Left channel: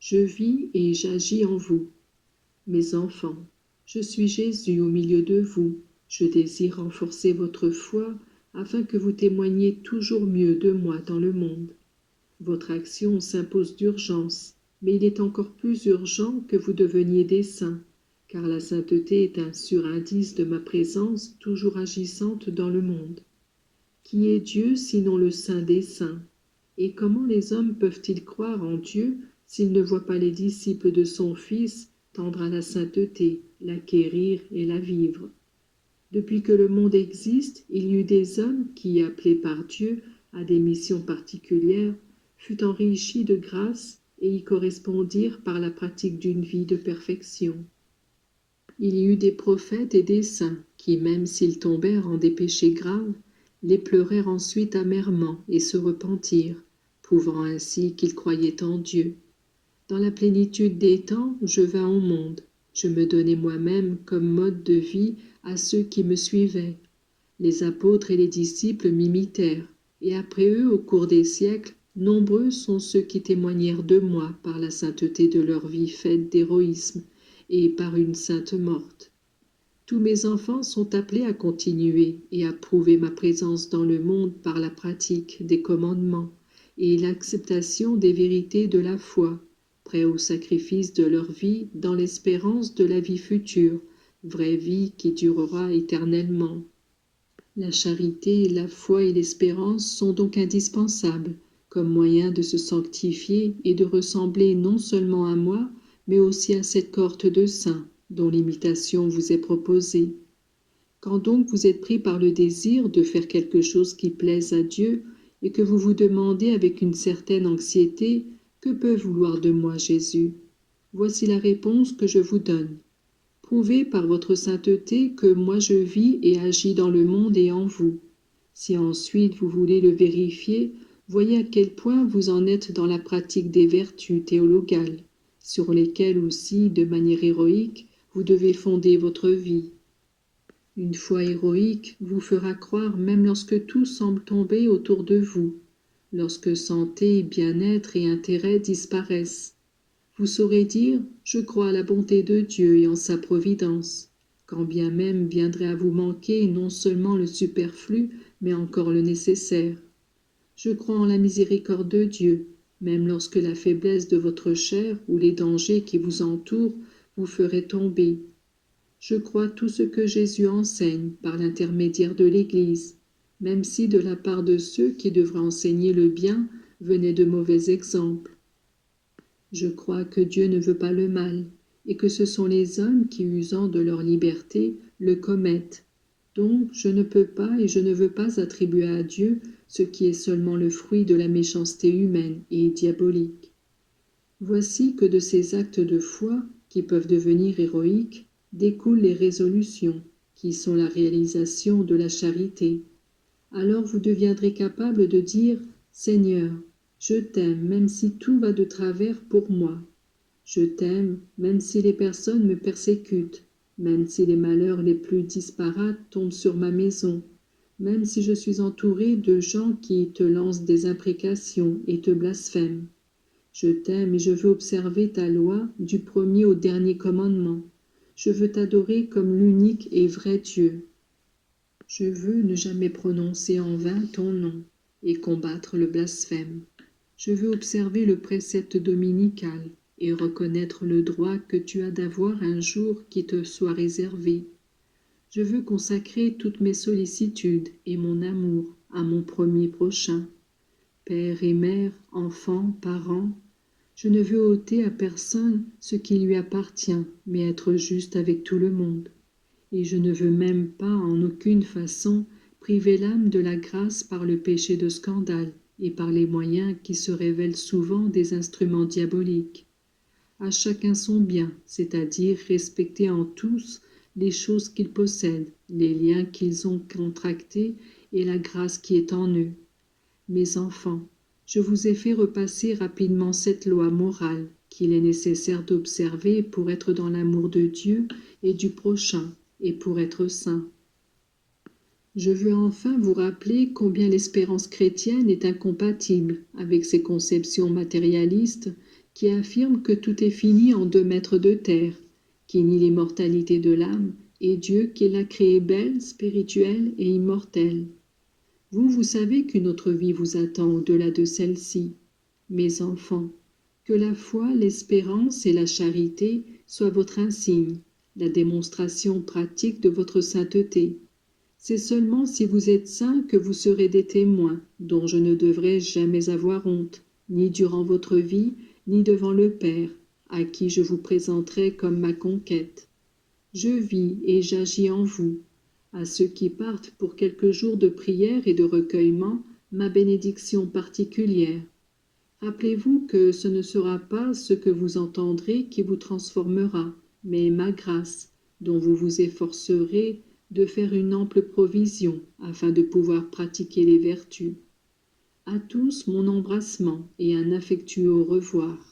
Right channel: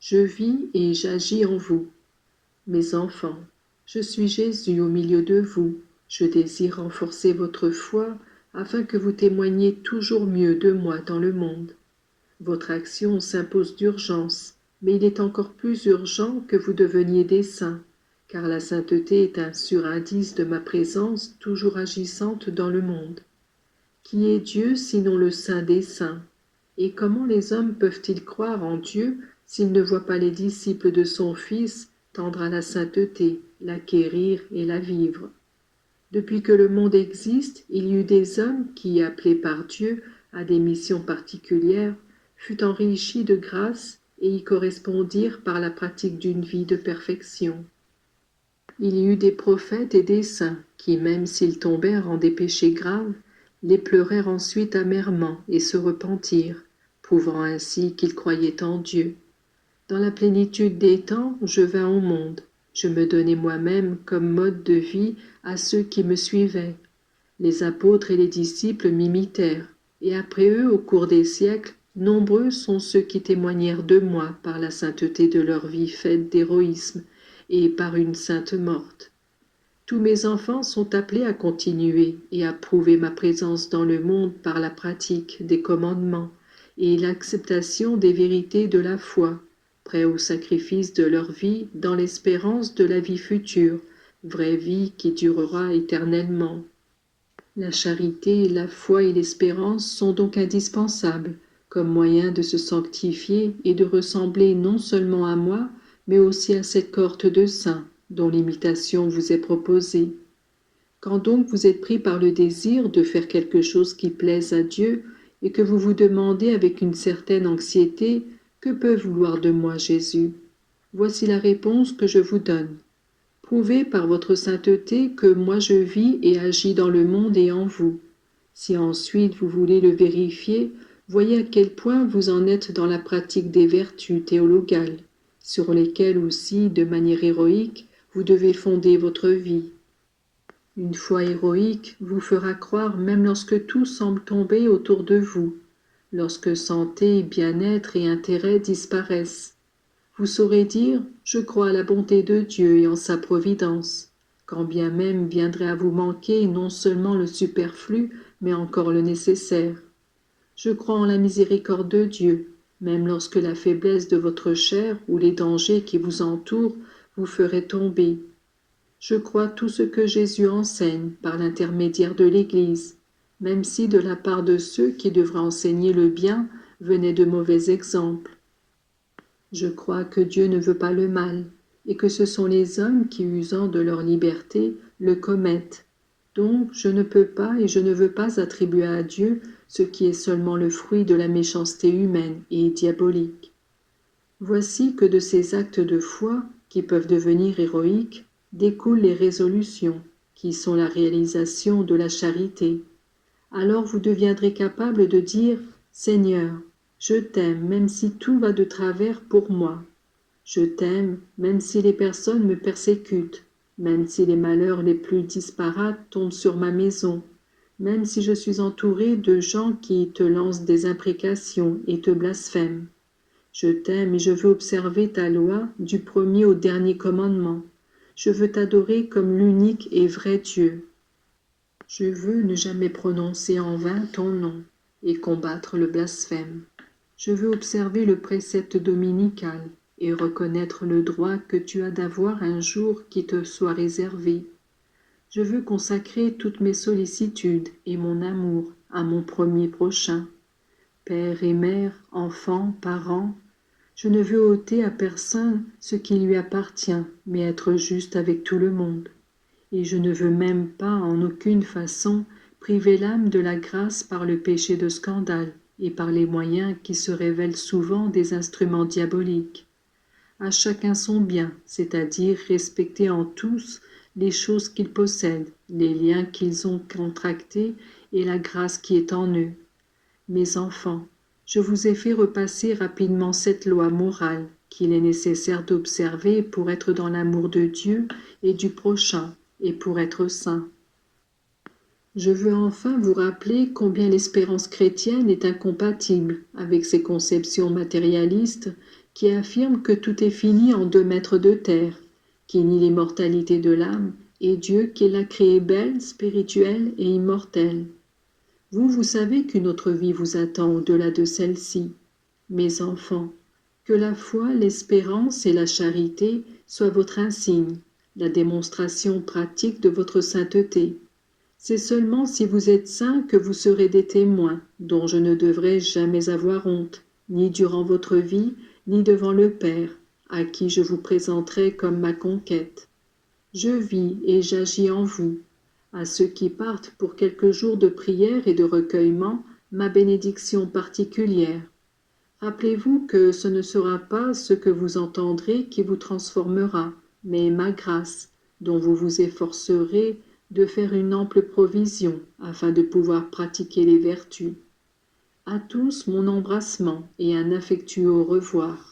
je vis et j'agis en vous. Mes enfants, je suis Jésus au milieu de vous. Je désire renforcer votre foi afin que vous témoigniez toujours mieux de moi dans le monde. Votre action s'impose d'urgence, mais il est encore plus urgent que vous deveniez des saints, car la sainteté est un sûr indice de ma présence toujours agissante dans le monde. Qui est Dieu sinon le Saint des saints? Et comment les hommes peuvent-ils croire en Dieu s'ils ne voient pas les disciples de son Fils tendre à la sainteté, l'acquérir et la vivre? Depuis que le monde existe, il y eut des hommes qui, appelés par Dieu à des missions particulières, furent enrichis de grâce et y correspondirent par la pratique d'une vie de perfection. Il y eut des prophètes et des saints qui, même s'ils tombèrent en des péchés graves, les pleurèrent ensuite amèrement et se repentirent, prouvant ainsi qu'ils croyaient en Dieu. Dans la plénitude des temps, je vins au monde. Je me donnai moi-même comme mode de vie à ceux qui me suivaient. Les apôtres et les disciples m'imitèrent, et après eux, au cours des siècles, nombreux sont ceux qui témoignèrent de moi par la sainteté de leur vie faite d'héroïsme et par une sainte morte. Tous mes enfants sont appelés à continuer et à prouver ma présence dans le monde par la pratique des commandements et l'acceptation des vérités de la foi, prêts au sacrifice de leur vie dans l'espérance de la vie future, vraie vie qui durera éternellement. La charité, la foi et l'espérance sont donc indispensables comme moyen de se sanctifier et de ressembler non seulement à moi, mais aussi à cette cohorte de saints dont l'imitation vous est proposée. Quand donc vous êtes pris par le désir de faire quelque chose qui plaise à Dieu et que vous vous demandez avec une certaine anxiété « Que peut vouloir de moi Jésus ?» Voici la réponse que je vous donne. Prouvez par votre sainteté que moi je vis et agis dans le monde et en vous. Si ensuite vous voulez le vérifier, voyez à quel point vous en êtes dans la pratique des vertus théologales, sur lesquelles aussi, de manière héroïque, vous devez fonder votre vie. Une foi héroïque vous fera croire même lorsque tout semble tomber autour de vous, lorsque santé, bien-être et intérêt disparaissent. Vous saurez dire « Je crois à la bonté de Dieu et en sa providence », quand bien même viendrait à vous manquer non seulement le superflu, mais encore le nécessaire. Je crois en la miséricorde de Dieu, même lorsque la faiblesse de votre chair ou les dangers qui vous entourent vous feraient tomber. Je crois tout ce que Jésus enseigne par l'intermédiaire de l'Église, même si de la part de ceux qui devraient enseigner le bien venaient de mauvais exemples. Je crois que Dieu ne veut pas le mal, et que ce sont les hommes qui, usant de leur liberté, le commettent. Donc je ne peux pas et je ne veux pas attribuer à Dieu ce qui est seulement le fruit de la méchanceté humaine et diabolique. Voici que de ces actes de foi, qui peuvent devenir héroïques, découlent les résolutions, qui sont la réalisation de la charité. Alors vous deviendrez capable de dire « Seigneur, je t'aime même si tout va de travers pour moi. Je t'aime même si les personnes me persécutent, même si les malheurs les plus disparates tombent sur ma maison, même si je suis entouré de gens qui te lancent des imprécations et te blasphèment. Je t'aime et je veux observer ta loi du premier au dernier commandement. Je veux t'adorer comme l'unique et vrai Dieu. Je veux ne jamais prononcer en vain ton nom et combattre le blasphème. Je veux observer le précepte dominical et reconnaître le droit que tu as d'avoir un jour qui te soit réservé. Je veux consacrer toutes mes sollicitudes et mon amour à mon premier prochain. Père et mère, enfants, parents, je ne veux ôter à personne ce qui lui appartient, mais être juste avec tout le monde. Et je ne veux même pas en aucune façon priver l'âme de la grâce par le péché de scandale et par les moyens qui se révèlent souvent des instruments diaboliques. À chacun son bien, c'est-à-dire respecter en tous les choses qu'ils possèdent, les liens qu'ils ont contractés et la grâce qui est en eux. Mes enfants, je vous ai fait repasser rapidement cette loi morale qu'il est nécessaire d'observer pour être dans l'amour de Dieu et du prochain, et pour être saint. Je veux enfin vous rappeler combien l'espérance chrétienne est incompatible avec ces conceptions matérialistes qui affirme que tout est fini en 2 mètres de terre, qui nie l'immortalité de l'âme, et Dieu qui l'a créée belle, spirituelle et immortelle. Vous, vous savez qu'une autre vie vous attend au-delà de celle-ci. Mes enfants, que la foi, l'espérance et la charité soient votre insigne, la démonstration pratique de votre sainteté. C'est seulement si vous êtes saints que vous serez des témoins, dont je ne devrai jamais avoir honte, ni durant votre vie, ni devant le Père, à qui je vous présenterai comme ma conquête. Je vis et j'agis en vous. À ceux qui partent pour quelques jours de prière et de recueillement, ma bénédiction particulière. Rappelez-vous que ce ne sera pas ce que vous entendrez qui vous transformera, mais ma grâce, dont vous vous efforcerez de faire une ample provision afin de pouvoir pratiquer les vertus. À tous mon embrassement et un affectueux au revoir.